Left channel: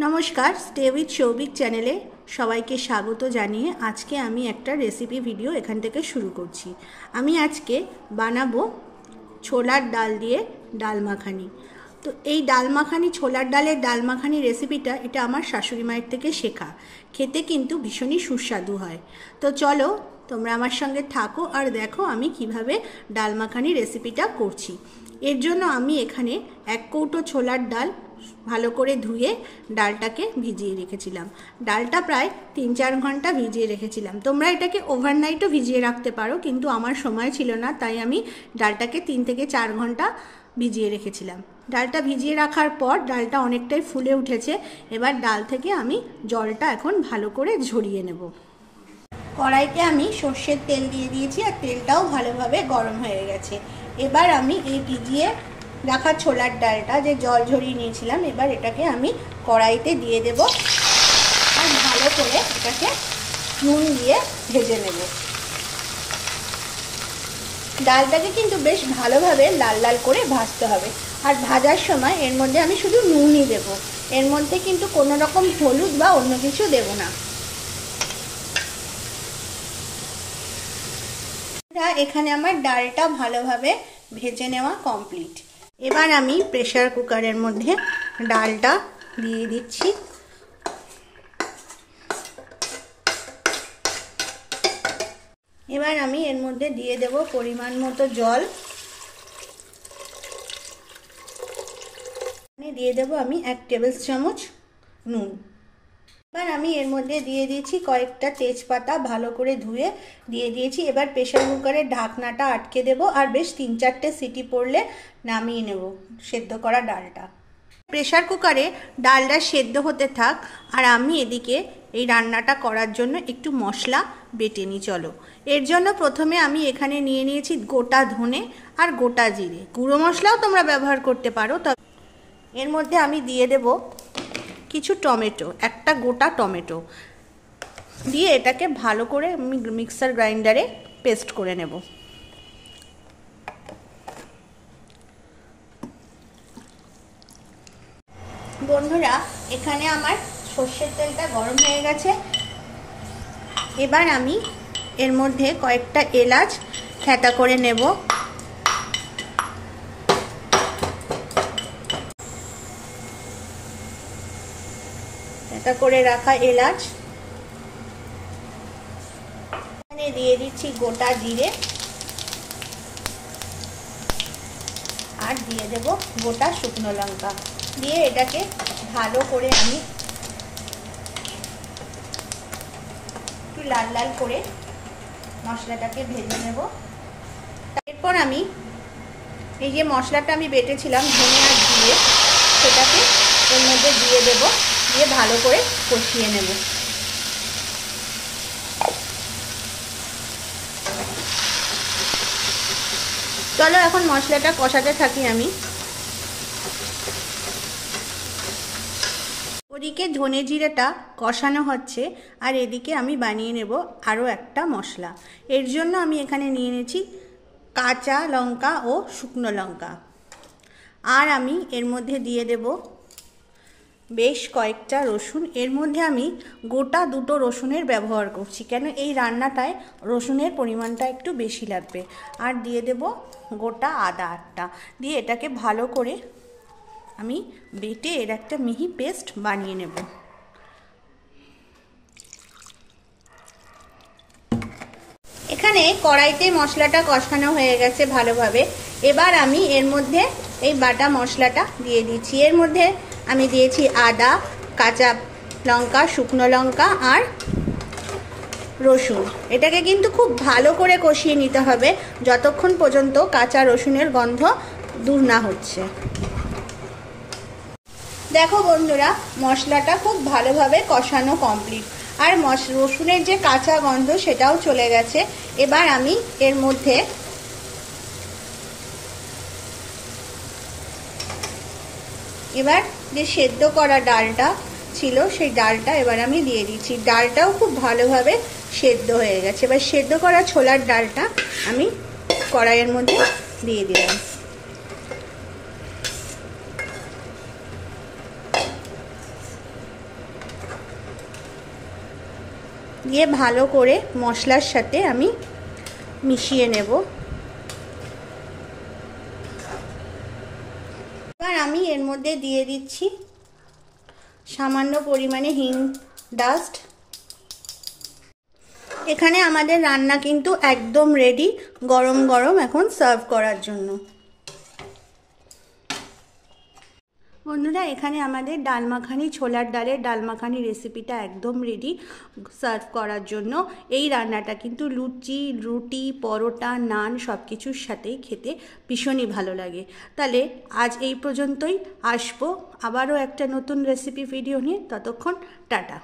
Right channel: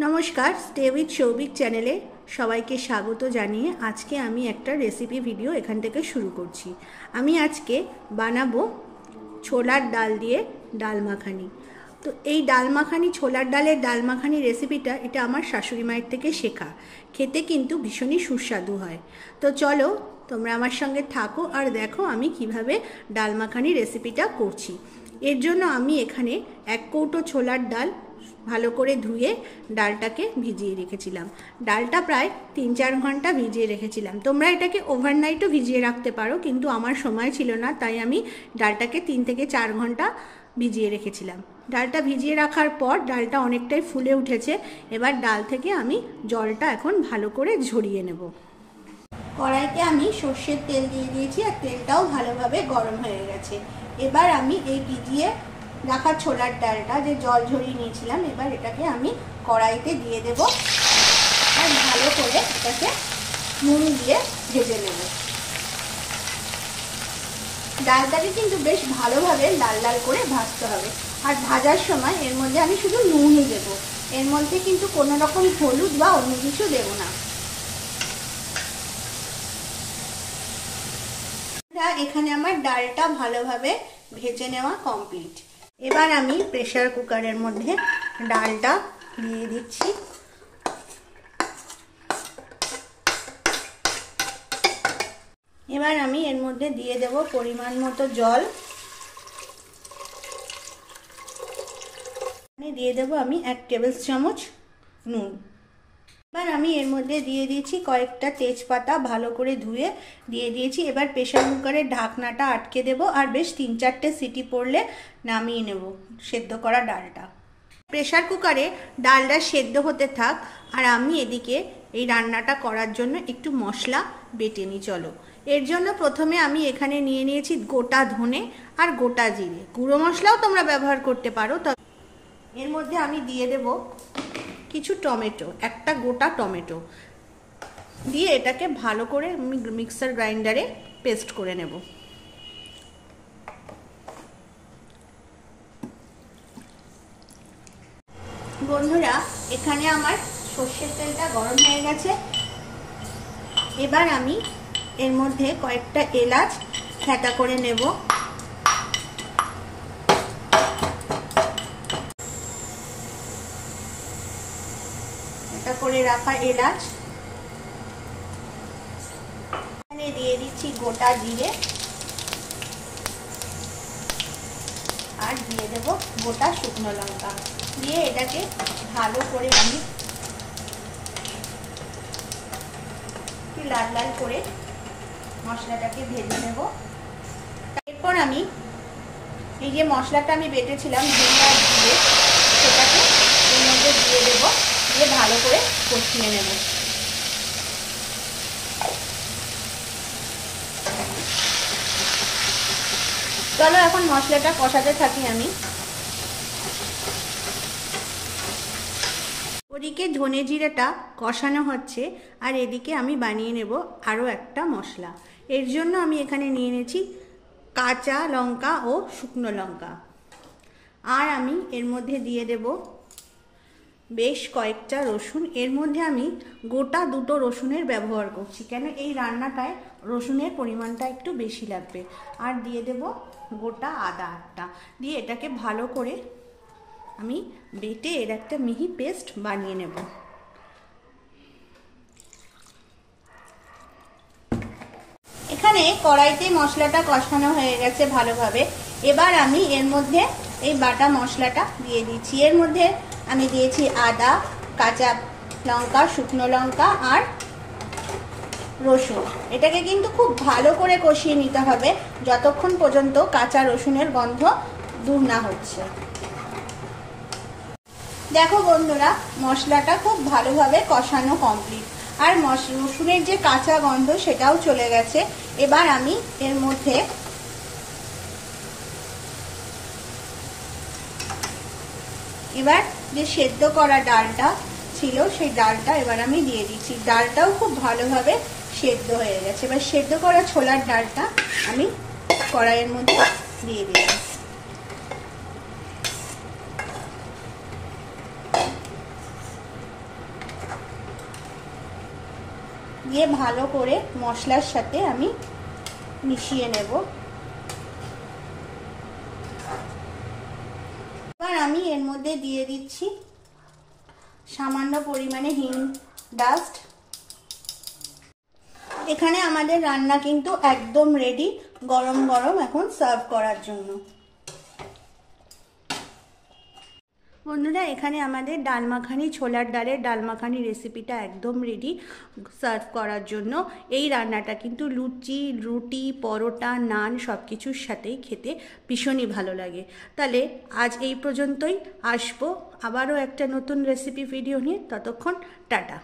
नमस्कार stay with Saubhik चैनेले सबाइके स्वागत जानिए आज के आमी एकटा रेसिपि भिडियो एखान थेके शुरू करछि। आमी आज के बानाबो छोलार डाल दिए डाल माखानी। तो এই ডাল মাখানি ছোলার ডালের ডাল মাখানি রেসিপিটা এটা আমার শাশুড়ি মায়ের থেকে শেখা, খেতে কিন্তু ভীষণই সুস্বাদু হয়। তো চলো তোমরা আমার সঙ্গে থাকো আর দেখো আমি কিভাবে ডাল মাখানি রেসিপিটা করছি। এর জন্য আমি এখানে 1 কৌটো ছোলার ডাল ভালো করে ধুয়ে ডালটাকে ভিজিয়ে রেখেছিলাম। ডালটা প্রায় 3-4 ঘন্টা ভিজিয়ে রেখেছিলাম। তোমরা এটাকে ওভারনাইটও ভিজিয়ে রাখতে পারো, কিন্তু আমার সময় ছিল না তাই আমি ডালটাকে 3 থেকে 4 ঘন্টা ভিজিয়ে রেখেছিলাম। ডালটা ভিজিয়ে রাখার পর ডালটা অনেকটাই ফুলে উঠেছে। এবার ডাল থেকে আমি জলটা এখন ভালো করে ঝরিয়ে নেব। কড়াইতে আমি সর্ষের তেল দিয়ে দিয়েছি আর তেলটাও ভালোভাবে গরম হয়ে গেছে। এবার আমি এই ভিজিয়ে রাখা ছোলার ডালটা যে জল ঝরিয়ে নিয়েছিলাম এবার এটাকে আমি কড়াইতে দিয়ে দেব আর ভালো করে এটাকে নুন দিয়ে ভেজে নেব। ডালটাকে কিন্তু বেশ ভালোভাবে লাল লাল করে ভাজতে হবে আর ভাজার সময় এর মধ্যে আমি শুধু নুনই দেব, এর মধ্যে কিন্তু কোনো রকম হলুদ বা অন্য কিছু দেব না। এখানে আমার ডালটা ভালোভাবে ভেজে নেওয়া কমপ্লিট। এবার আমি প্রেসার কুকারের মধ্যে ডালটা দিয়ে দিচ্ছি। এবার আমি এর মধ্যে দিয়ে দেব পরিমাণ মতো জল, দিয়ে দেব আমি 1 টেবিল চামচ নুন। এবার আমি এর মধ্যে দিয়ে দিয়েছি কয়েকটা তেজপাতা ভালো করে ধুয়ে দিয়ে দিয়েছি। এবার প্রেসার কুকারের ঢাকনাটা আটকে দেব আর বেশ 3-4টে সিটি পড়লে নামিয়ে নেব সেদ্ধ করা ডালটা। প্রেসার কুকারে ডালটা সেদ্ধ হতে থাক আর আমি এদিকে এই রান্নাটা করার জন্য একটু মশলা বেটে নিই। চলো, এর জন্য প্রথমে আমি এখানে নিয়ে নিয়েছি গোটা ধনে আর গোটা জিরে। গুঁড়ো মশলাও তোমরা ব্যবহার করতে পারো। তবে এর মধ্যে আমি দিয়ে দেব কিছু টমেটো, একটা গোটা টমেটো দিয়ে এটাকে ভালো করে আমি মিক্সার গ্রাইন্ডারে পেস্ট করে নেব। বন্ধুরা এখানে আমার সর্ষের তেলটা গরম হয়ে গেছে। এবার আমি এর মধ্যে কয়েকটা এলাচ থেঁতা করে নেব। এটা করে রাখা এলাচ, এখানে দিয়ে দিচ্ছি গোটা জিরে আর দিয়ে দেব গোটা শুকনো লঙ্কা, দিয়ে এটাকে ভালো করে আমি একটু লাল লাল করে মশলাটাকে ভেজে নেব। এরপর আমি এই যে মশলাটা আমি বেটেছিলাম ধনে আর জিরে সেটাকে এর মধ্যে দিয়ে দেব, দিয়ে ভালো করে কষিয়ে নেব। চলো এখন মশলাটা কষাতে থাকি আমি। ওদিকে ধনে জিরেটা কষানো হচ্ছে আর এদিকে আমি বানিয়ে নেব আরও একটা মশলা। এর জন্য আমি এখানে নিয়ে নিয়েছি কাঁচা লঙ্কা ও শুকনো লঙ্কা আর আমি এর মধ্যে দিয়ে দেব বেশ কয়েকটা রসুন। এর মধ্যে আমি গোটা 2টো রসুনের ব্যবহার করছি, কেন এই রান্নাটায় রসুনের পরিমাণটা একটু বেশি লাগবে। আর দিয়ে দেব গোটা আদা 8টা, দিয়ে এটাকে ভালো করে আমি বেটে এর একটা মিহি পেস্ট বানিয়ে নেব। এখানে কড়াইতে মশলাটা কষানো হয়ে গেছে ভালোভাবে। এবার আমি এর মধ্যে এই বাটা মশলাটা দিয়ে দিচ্ছি। এর মধ্যে আমি দিয়েছি আদা, কাঁচা লঙ্কা, শুকনো লঙ্কা আর রসুন। এটাকে কিন্তু খুব ভালো করে কষিয়ে নিতে হবে যতক্ষণ পর্যন্ত কাঁচা রসুনের গন্ধ দূর না হচ্ছে। দেখো বন্ধুরা মশলাটা খুব ভালোভাবে কষানো কমপ্লিট আর রসুনের যে কাঁচা গন্ধ সেটাও চলে গেছে। এবার আমি এর মধ্যে এবার যে সেদ্ধ করা ডালটা ছিল সেই ডালটা এবার আমি দিয়ে দিচ্ছি। ডালটাও খুব ভালোভাবে সেদ্ধ হয়ে গেছে। এবার সেদ্ধ করা ছোলার ডালটা আমি কড়াইয়ের মধ্যে দিয়ে দিলাম। দিয়ে ভালো করে মশলার সাথে আমি মিশিয়ে নেব। এবার আমি এর মধ্যে দিয়ে দিচ্ছি সামান্য পরিমাণে হিং ডাস্ট। এখানে আমাদের রান্না কিন্তু একদম রেডি, গরম গরম এখন সার্ভ করার জন্য। বন্ধুরা, এখানে আমাদের ডাল মাখানি, ছোলার ডালের ডাল মাখানি রেসিপিটা একদম রেডি সার্ভ করার জন্য। এই রান্নাটা কিন্তু লুচি, রুটি, পরোটা, নান সব কিছুর সাথেই খেতে ভীষণই ভালো লাগে। তাহলে আজ এই পর্যন্তই, আসবো আবারও একটা নতুন রেসিপি ভিডিও নিয়ে। ততক্ষণ টাটা।